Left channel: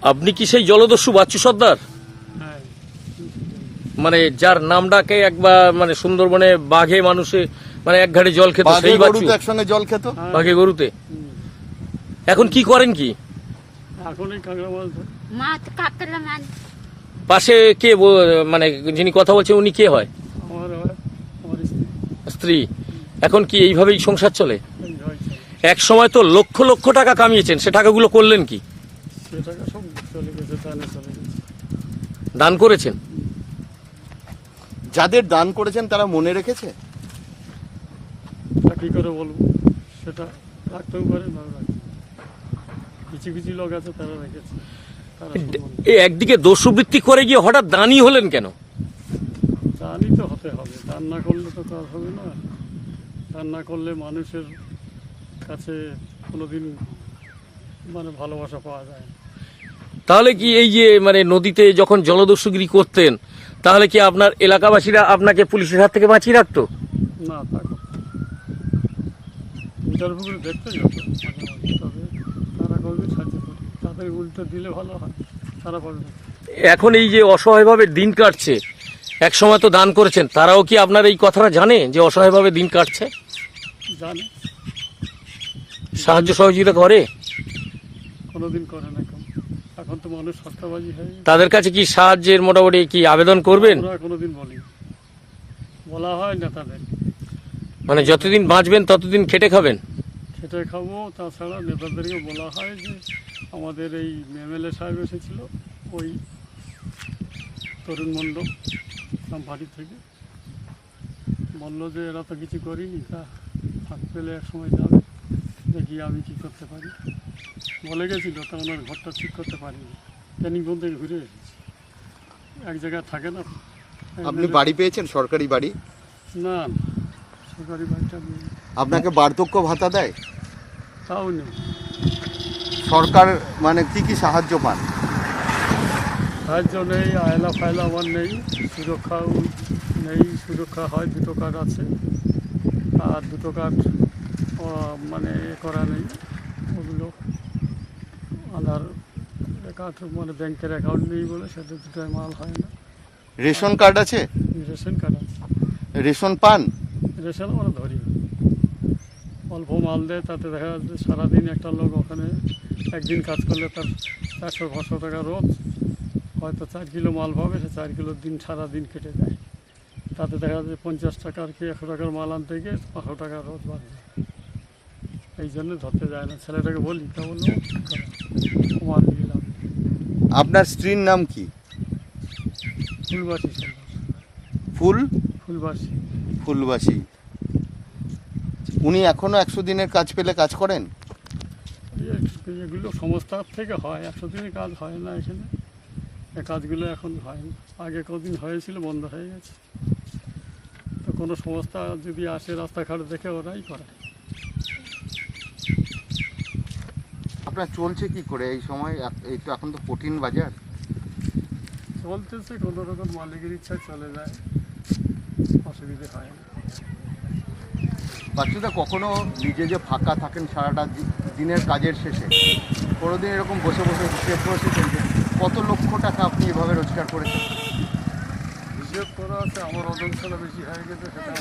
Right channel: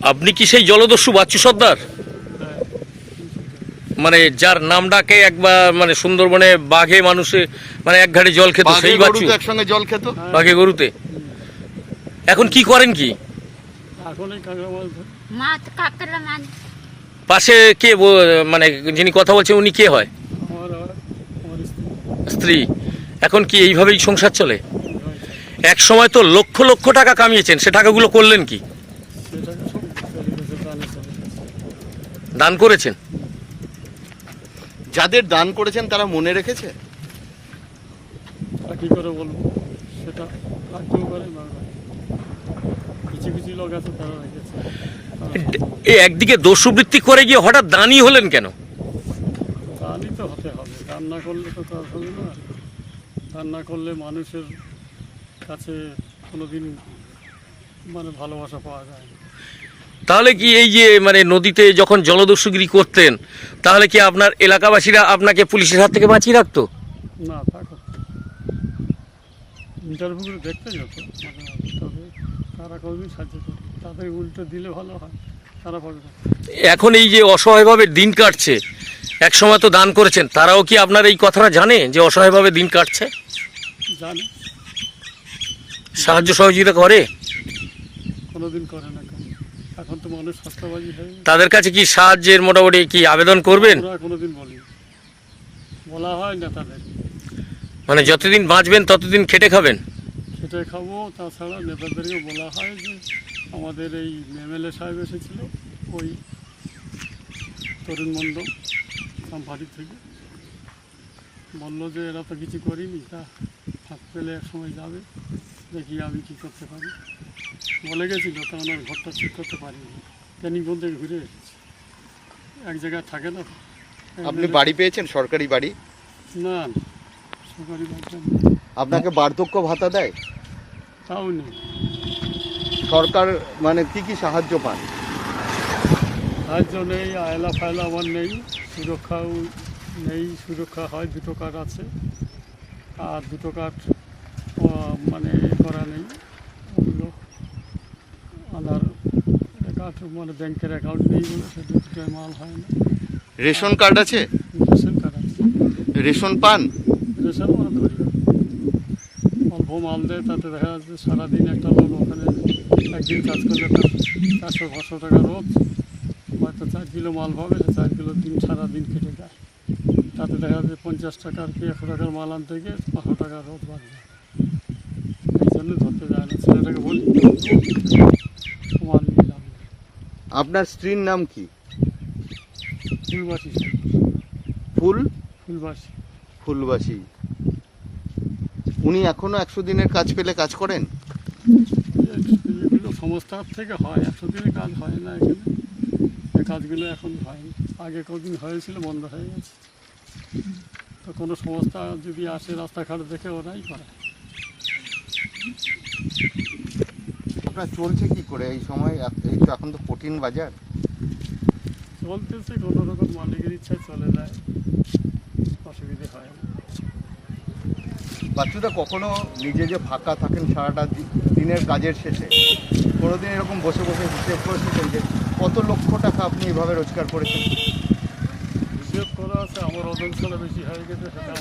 আপনি কি সেই জলদস্যু বাচ্চু সর্দার? হ্যাঁ মানে যার নাম ডাকে একবার মানে সুন্দরবনে বাঘে মানুষে মানে এক ঘাটে জল খেত সেই বাচ্চু? একসঙ্গে জল খেত? বাঘে গরুতে? এখন কি করেন কি? পাশে কে মানে যিনি কথা বলছেন উনি কে হয়? আমার হয় আমার স্ত্রী। স্ত্রী। এখন কি এইভাবেই সংসার চলে? এক সময় তো লক্ষ লক্ষ টাকা কামিয়েছেন সে টাকাগুলো করলেন কি সে টাকা সব চলে গেছে দানে করেছেন? যাদের দান করেছেন তারা মনে রেখেছে? তা কী করে বলব? সেটা রাখতেও পারে কিছু কিছু লোক আছে তারা রেখেছে। তারা একদিকে দস্যুবৃত্তি করে গিয়ে হঠাৎ দানই হলেন কেন? দানই তো হতে হবে। দান না করলে তো কাজ হবে না। দান না করলে মানুষের কাছে কোনোদিন মানে ভালোবাসা পাওয়া যায় না। তাহলে কি এই যে মানে নদীতে যখন জলদস্যুগিরি করতেন তাহলে কি আপনার এলাকাবাসীরা আপনাকে পুলিশের হাত থেকে বাঁচিয়ে রাখতো? না তা ইন্টারভিউগুলো দেখতে যেত মাঝে মাঝে তবে তারা সাহায্য করি। তাদের উল্টো দিলে ভালো হয় তারা পাবে না। এখন এই যে অসহায়ভাবে দিন কাটছে এক সময় তো দান করেছেন তারাও কি আপনার এই কথাটা জানে যে অসহায়ভাবে দিন কাটছে? জানে। সাহায্য সহযোগিতা করে? কোনোদিন করে না এখন তো মানুষ সস্তাবাজি হয়ে গেছে। তাদের কাছে কি সাহায্যের মোটামুটি কি আবেদন করবেন? কোনোদিন বলি। বলা হয় না তাদের। মানে যতদিন বাঁচবেন ততদিন খেটে খাবেন? সেটাই খাব তাছাড়া নেতাদেরকে বলা হয় যে আমাদের এই এমএলএ সাহেব এসেছিল ওই তরুণ মণ্ডল কোম্পানি থেকে। বলল যে এরা তো কিছু করিনি তা ফাঁক পেলে এক সময় যাবে। দেখি আমি কি করতে পারি? বলে গেছিল তা ওনার ঘরটা ঠিক করতে পারিনি। ক্যানিংবন থেকে ঘুরে এসেছি। এক জায়গায় থাকে না? আপনি বাড়ি পেয়েছেন? সরকারি বাড়ি? না না। সরকারি বাড়িটা নেই। আপনাকে বার্ধক্য ভাতা দেয়? তাও নেই। সরকার মানে কি কি সাহায্য পান সাহায্য নেই আয়লা ফায়লা আমার নেই সুরক্ষাও নেই সুরক্ষা হয় দুটো কার্ড আছে। আর দুটো কার্ড মানে এ করা নেই। ওগুলো আধার কার্ড মানে ব্যাংকের অ্যাকাউন্ট নেই বলে সেটা দুটোয় মাল হয় না। রেশন কার্ড আছে? রেশন কার্ড আছে। রেশন পান? রেশন আমরা ধরি অল্প মাল দেয় তাতে দেখা যাচ্ছে সারাদিন একটা লোক ওখানে একদিন কাজ করলে তার চারশো পাঁচশো টাকা রোজ। হয়তো চার কিলো মাল পাবে সে চার কিলো দিন সারাদিন কেটে যায়। তাতে দেখা যাচ্ছে পঞ্চাশ টাকার কি একশো টাকার মাল আনতে গিয়ে পাঁচশো টাকা রোজ বাদ যায়। এই জন্য ধরতে যায় না ছেলেটাকে বলি তো বলল, মাল নিলাম আপনার স্ত্রীর নাম কি? ফুলবাসী। ফুল? ফুলবাসী। ফুলবাসী। উনি এখনও একশো দিনের কাজ পেলে কাজ করেন? এগুলো সংস্থার থেকে হয় একশো দিনের কাজ হয় না এখানে। এই কাজগুলো এখন হয় না। আগে কদিন হয়েছিল বন্ধ হয়ে গেছে। তো কোনো সংস্থা যদি আসে রাস্তাঘাট দেখে ওরাই করে আপনার চলছে কি করে? এই সময় এই তো এখন তো কঠিন বাজার। চলতেছে কোনো রকম মালিকের ইচ্ছায় চলে যায়। অসুবিধে হয় বাচ্চাটা কখনো নিজে যে ফাঁকা থাকেন সারাটা দিনের কাজের শেষে কোনোদিন এরকম বসে বসে হিসেব করেছেন যে কত লক্ষ টাকা আপনি এভাবে রোজগার করেছেন? হিসেব করা আছে আমার ওজন বেশি হয়ে গেছে সেটা